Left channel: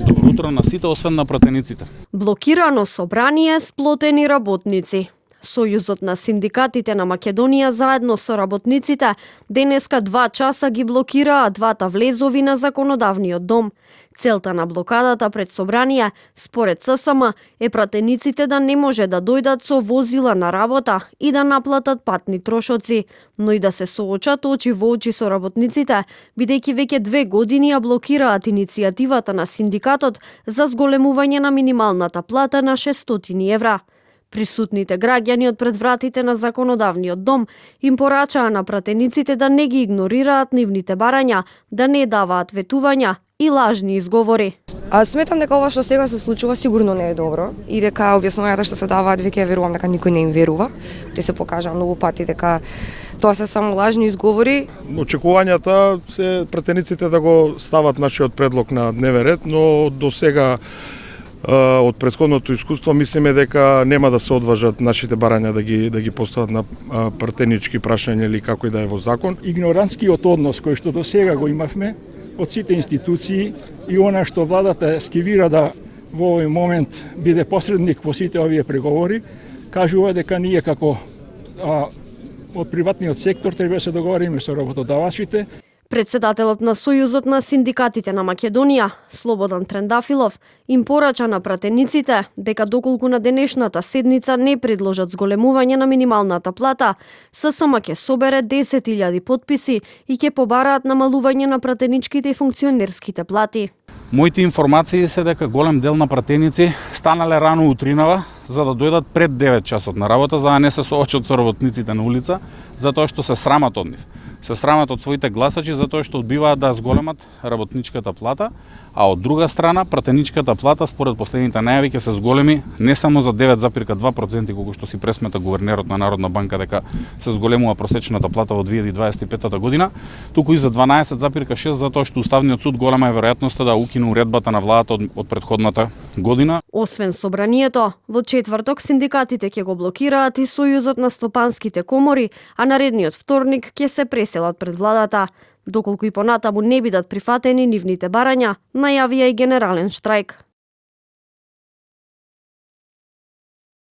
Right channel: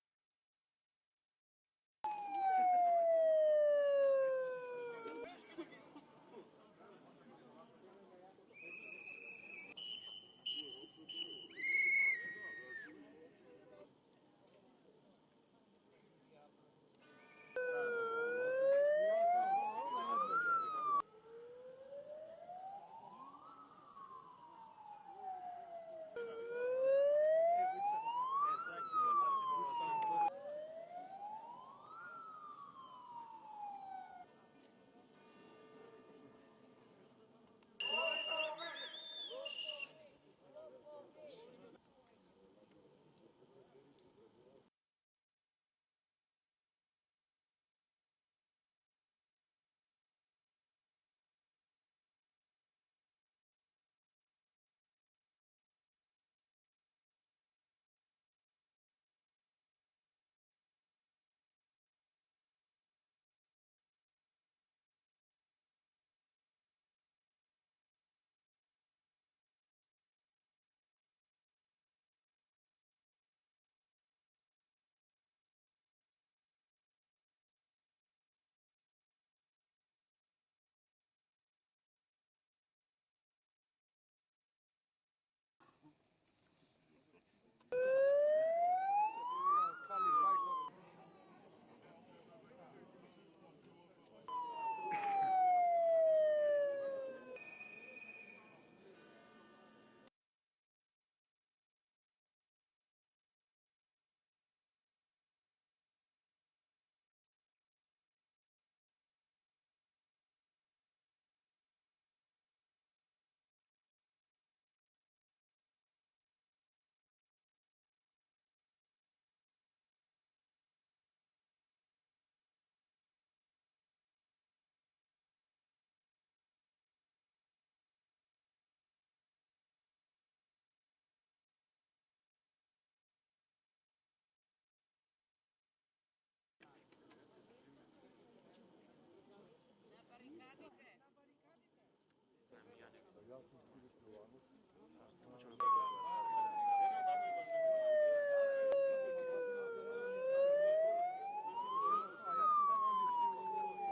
Добро утро на сите, освен на пратениците. Блокирано собрание, сплотени работници. Сојузот на синдикатите на Македонија заедно со работниците денеска 2 часа ги блокираа двата влезови на законодавниот дом. Целта на блокадата пред собрание, според ССМ, е пратениците да не може да дојдат со возила на работа и да наплатат патни трошоци, но и да се соочат очи во очи со работниците, бидејќи веќе 2 години ја блокираат иницијативата на синдикатот за зголемување на минималната плата на 600 евра. Присутните граѓани од пред вратите на законодавниот дом им порачаа на пратениците да не ги игнорираат нивните барања, да не даваат ветувања и лажни изговори. Сметам дека ова што сега се случува сигурно не е добро и дека објаснувањата што се даваат веќе верувам дека никој не им верува. Ќе се покажа многу пати дека тоа се само лажни изговори. Очекувањата се пратениците да го стават нашиот предлог на дневен ред, но до сега од претходното искуство мислиме дека нема да се одважат нашите барања да ги постават на пратенички прашања или како и да е во закон. Игнорантскиот однос кој што до сега го имавме од сите институции и она што владата скивира да во овој момент биде посредник во сите овие преговори, кажува дека ние како од приватниот сектор треба да се договориме со работодавачите. Председателот на Сојузот на синдикатите на Македонија, Слободан Трендафилов, им порача на пратениците дека доколку на денешната седница не предложат зголемување на минималната плата, ССМ ќе собере 10.000 потписи и ќе побараат намалување на пратеничките и функционерските плати. Моите информации се дека голем дел на пратеници станале рано утринава за да дојдат пред 9 часот на работа, за да не се соочат со работниците на улица, затоа што се срамат од нив. Се срамат од своите гласачи затоа што одбиваат да зголемат работничката плата, а од друга страна пратеничката плата според последните најави ќе се зголеми не само за 9,2% колку што си пресмета гувернерот на Народна банка дека се зголемува просечната плата во 2025 година, туку и за 12,6% затоа што Уставниот суд голема е веројатноста да укине уредбата на владата од претходната година. Освен собранието, во четврток синдикатите ќе го блокираат и Сојузот на стопанските комори, а наредниот вторник ќе се преселат пред владата. Доколку и понатаму не бидат прифатени нивните барања, најавија и генерален штрајк.